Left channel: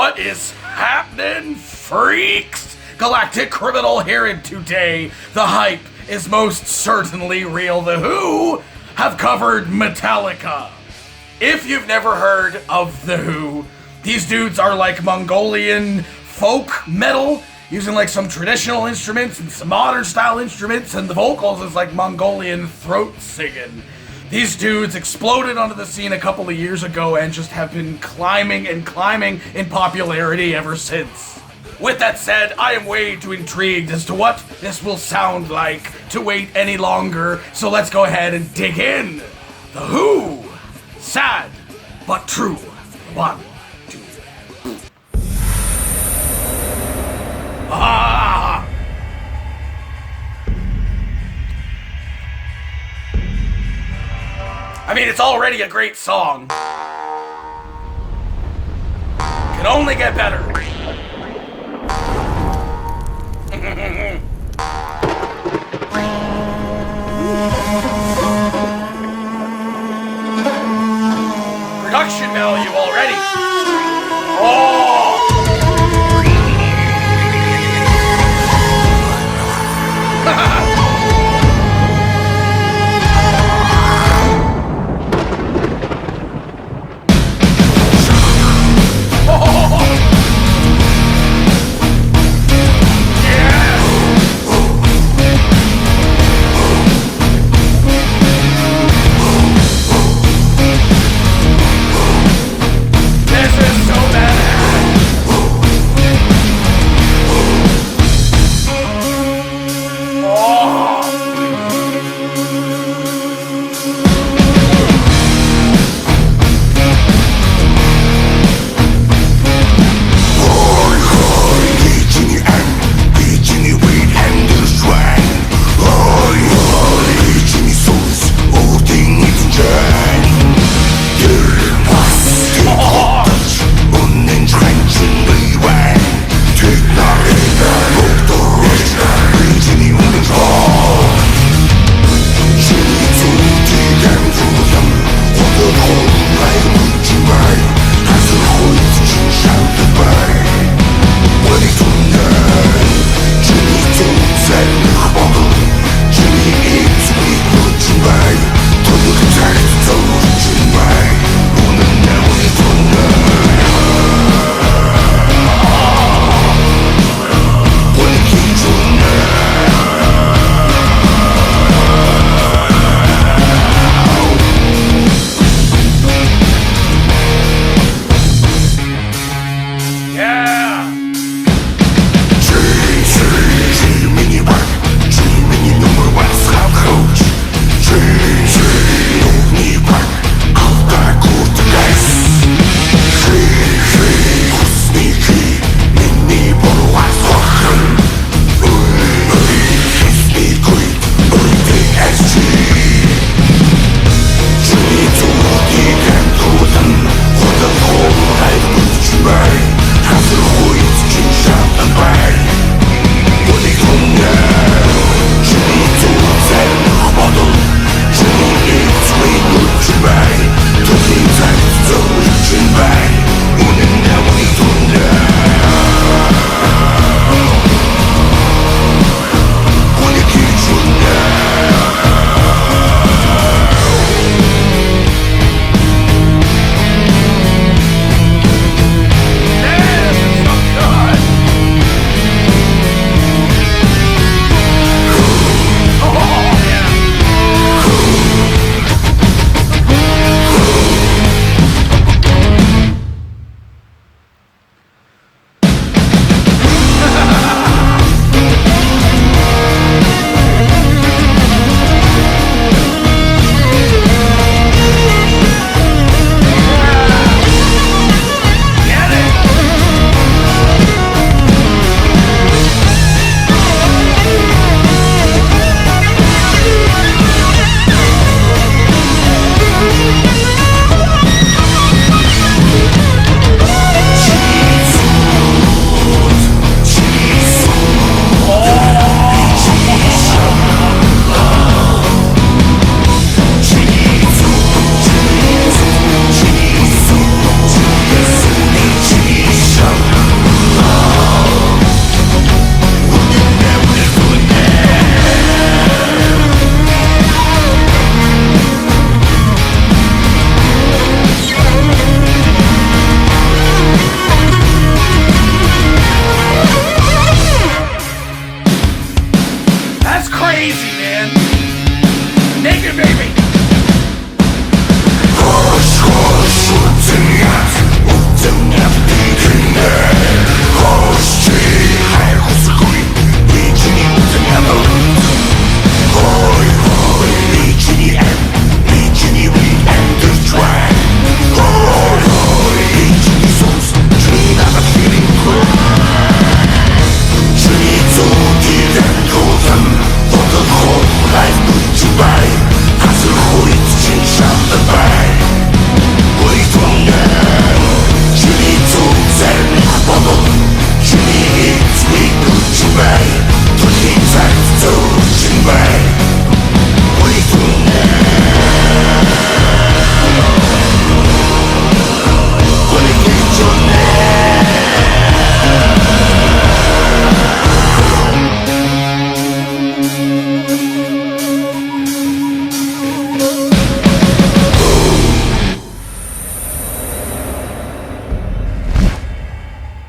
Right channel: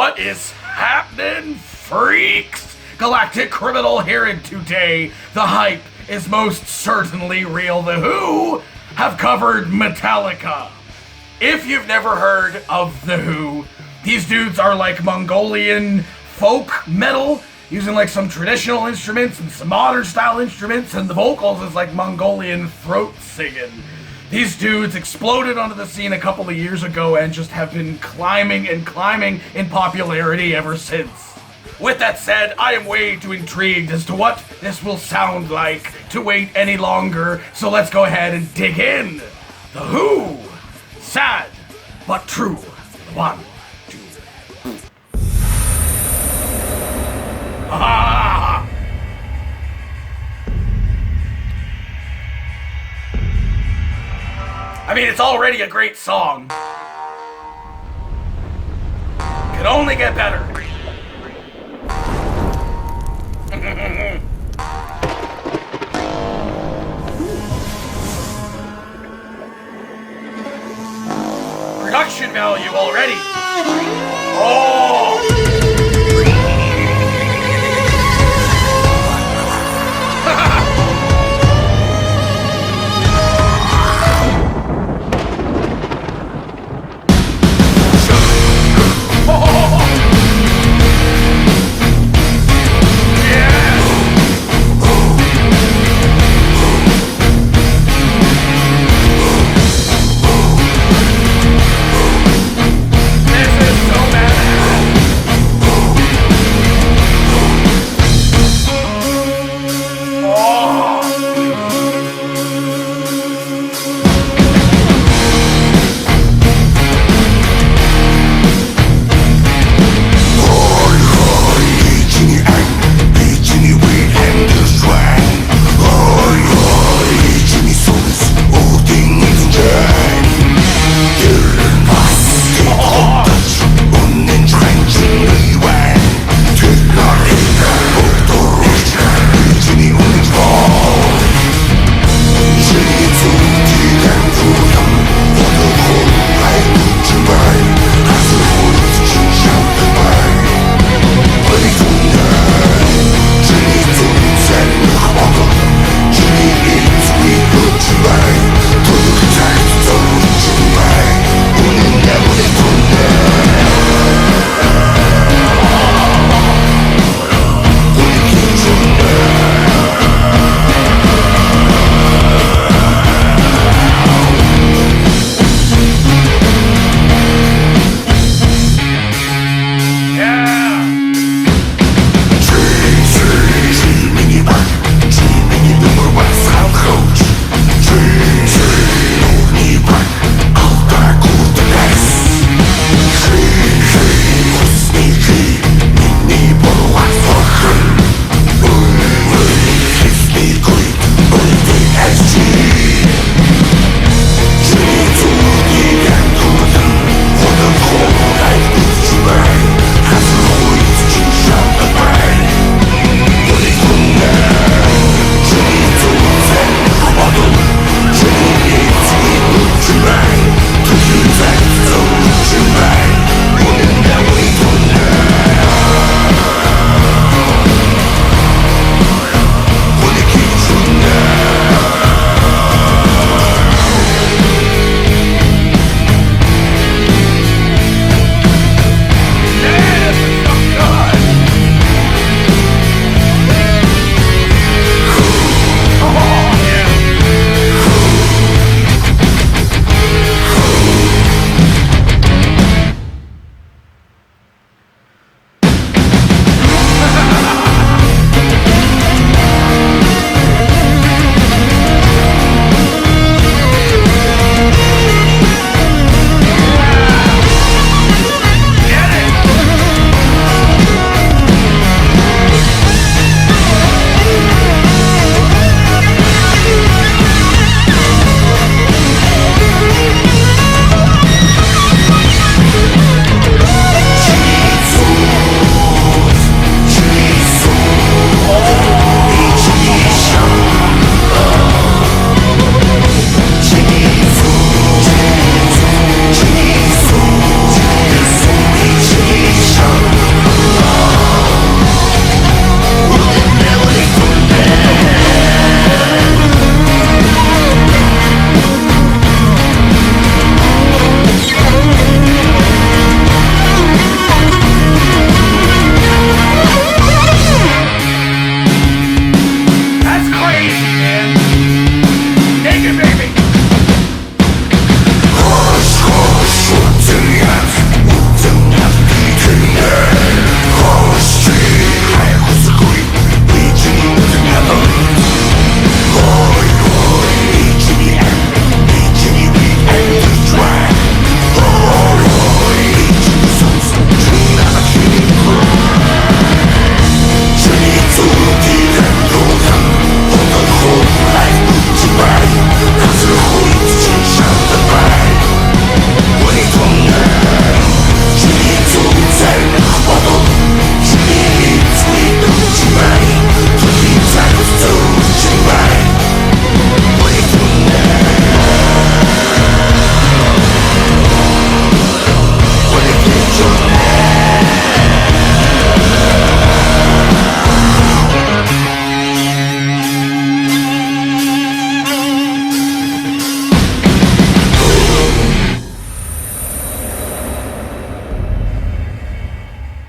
What is happening, freaks? Galactic Criminal here, and today the hype is most certainly real. The Who have covered Metallica. If you've never heard of The Who, these dudes are like Mongolian folk metal, using like some traditional instruments and some modern style instruments, and the vocals is like Mongolian throat singing. These dudes exploded onto the scene a couple of years ago and just have been climbing and climbing in popularity ever since. With that said, I am way too intrigued as to what this will sound like to wait any longer, so let's go ahead and dig in. The Who. Sad, but true. 1, 2. Ah! I mean, it's already a great song. Could only get better. Production value already. Oh! This is so badass.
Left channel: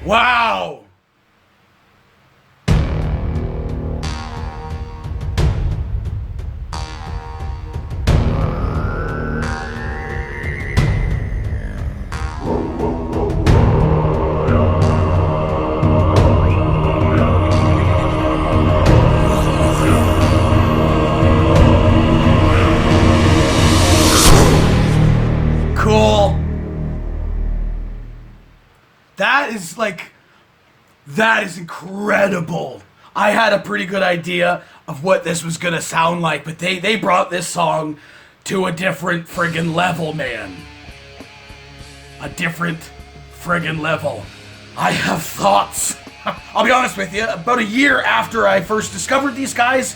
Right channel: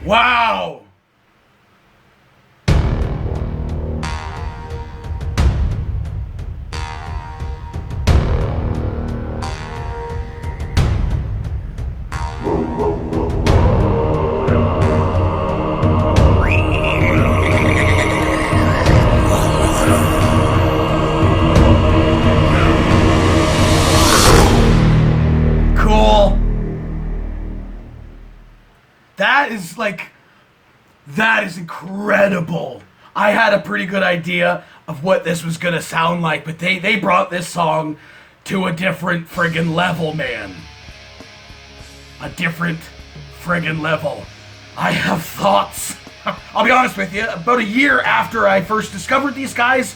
Wow. Cool. That is incredible. I had a pretty good idea of what this was gonna sound like, but they brought this song to a different friggin' level, man. A different friggin' level. I have thoughts. I'll be honest with you, about a year after I first discovered these guys,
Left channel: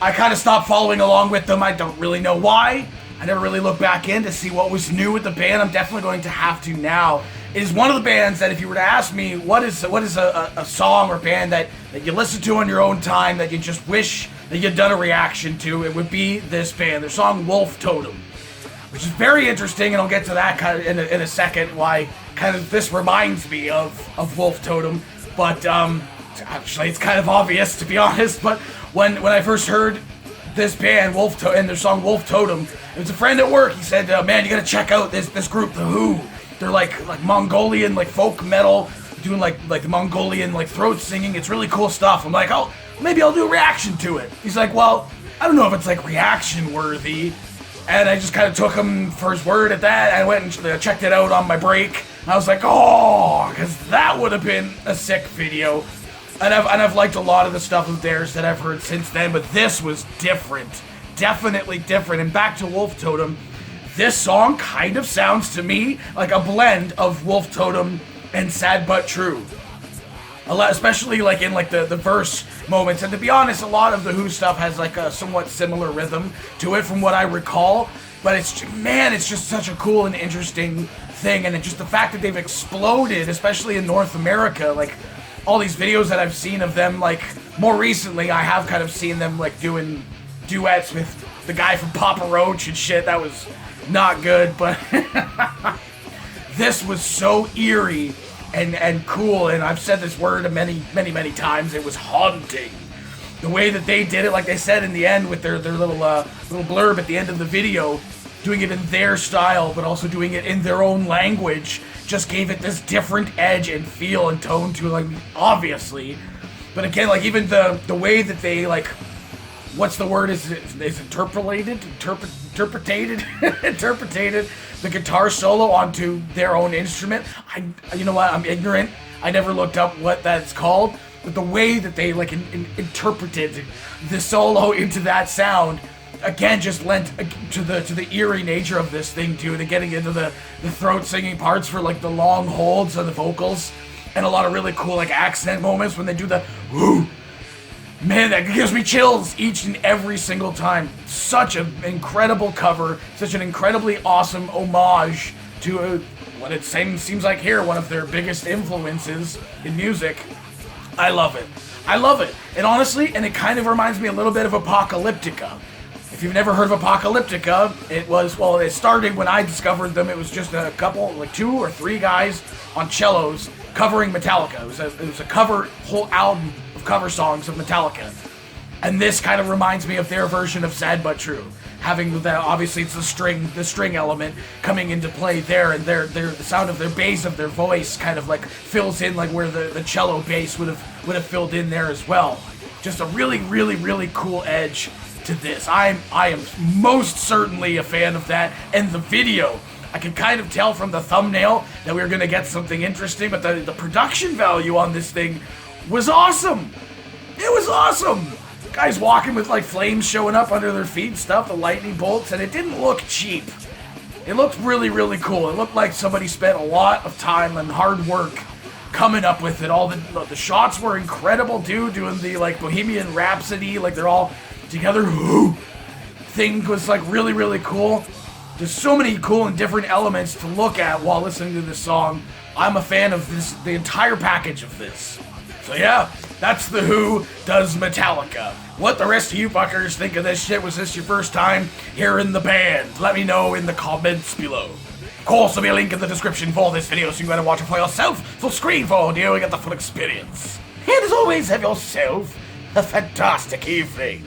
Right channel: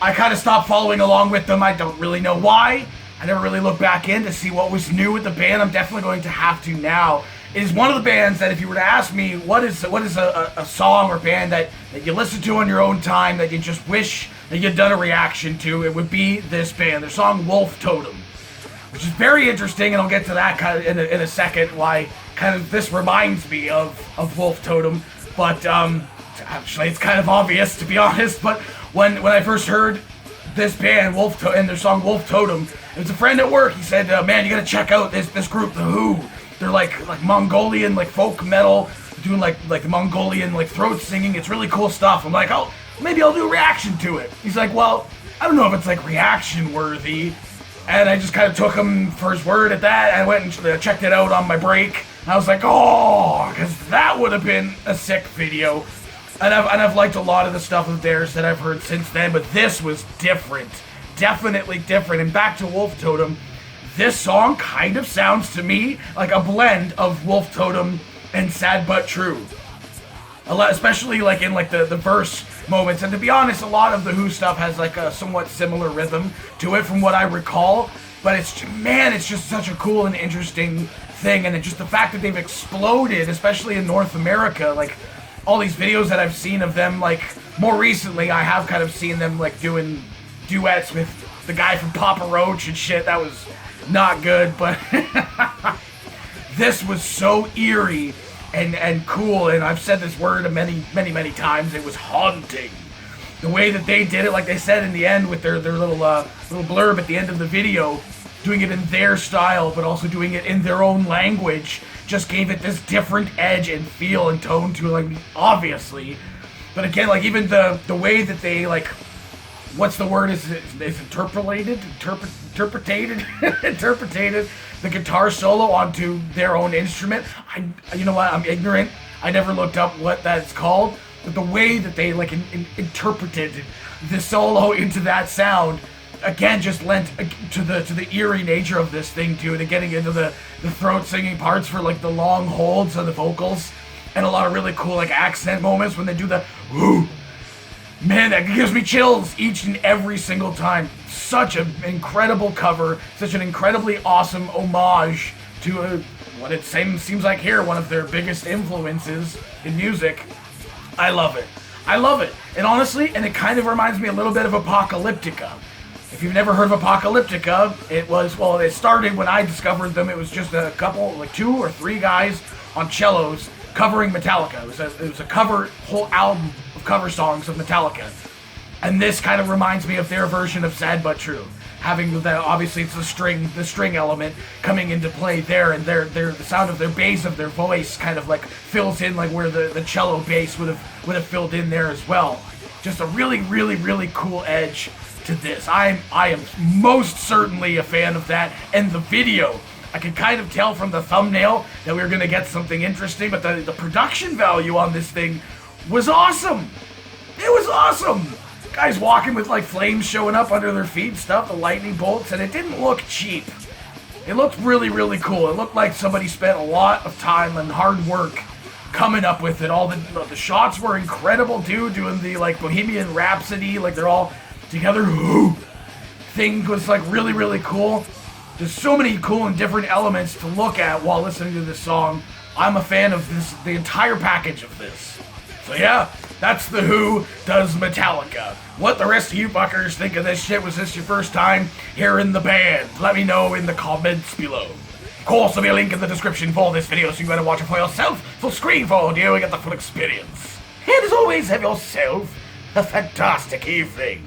I kind of stopped following along with them. I don't really know why. I never really looked back in to see what was new with the band. I'm definitely going to have to now. It is one of the bands that if you were to ask me what is a song or band that you listen to on your own time that you just wish that you'd done a reaction to, it would be this band. Their song Wolf Totem, which is very interesting, and I'll get to that kind of in a second, why kind of this reminds me of Wolf Totem. But actually it's kind of obvious, to be honest, but when I first heard this band, and their song Wolf Totem, it was a friend at work. He said, man, you gotta check out this group, The Who. They're like Mongolian, like folk metal, doing like the Mongolian like throat singing. It's really cool stuff. I'm like, oh, maybe I'll do a reaction to it. He's like, well, I don't know if it's like reaction worthy. And I just kind of took him for his word at that. I went and checked it out on my break. I was like, oh, because that would have been a sick video. And I've liked a lot of the stuff of theirs that I've heard since then, but this was different. Definitely different. And back to Wolf Totem, this song kind of sounds to me like a blend of Wolf Totem and Sad But True. Especially like in like the verse moments. And to be honest, a lot of the Who stuff has like a somewhat similar rhythm to it from what I recall. But it's just such a cool and interesting thing. And just the fact that they've exploded, especially in North America, like all these videos that I've seen of them, like more recently I have kind of seen them like doing duets with the guy from Papa Roach and shit. That was not good, but this was so eerie and cool, and I've said this word many times. It was haunting. The way that they did it, like they said in the end with their little blurb at the end of the video, doing it in their style, but also doing it in their own language, just gave it this different edge and feel and tone to it, like, obviously. But again, like, even the way that they, like, what's the word, is interpreted the guitar solo onto their own instrument. You know what, I'm ignorant. I never looked up what that's called, but the way that they, like, interpreted the solo into that sound, again, just lent to the eerie nature of this thing too, and getting into the throat singing parts for like the long holds of the vocals, and a lot of really cool like accent moments when they do the whoo. Man, that gives me chills each and every single time. Such an incredible cover, such an incredibly awesome homage to what it seems like here, one of their biggest influences in music. I love it. And honestly, and it kind of reminds me a little bit of Apocalyptica. If you've never heard of Apocalyptica, it started when I discovered them. It was just a couple, like 2 or 3 guys on cellos covering Metallica. It was a whole album of cover songs of Metallica. And this kind of reminds me of their version of Sad But True. Having that, obviously it's the string element coming into play there, and the sound of their bass of their voice kind of like fills in like where the cello bass would have filled in there as well. Just a really cool edge to this. I am most certainly a fan of that, and the video, I could kind of tell from the thumbnail that we were going to get something interesting, but the production value on this thing was awesome. It was awesome. Guys walking with like flames showing up under their feet and stuff, the lightning bolts, and it didn't look cheap. It looked really cool. It looked like somebody spent a lot of time and hard work coming up with it. All the shots were incredible, dude, doing the like Bohemian Rhapsody, like they're all together. Thing was like really cool. There's so many cool and different elements to look at while listening to this song. I'm a fan of the entire package of this. So yeah, that's The Who does Metallica. What the rest of you fuckers think of this shit? Was this your first time hearing the band? Let me know in the comments below. Of course, there'll be a link in the description for this video, so you better watch it for yourself. Full screen for audio, you get the full experience. And as always, have yourself a fantastic evening.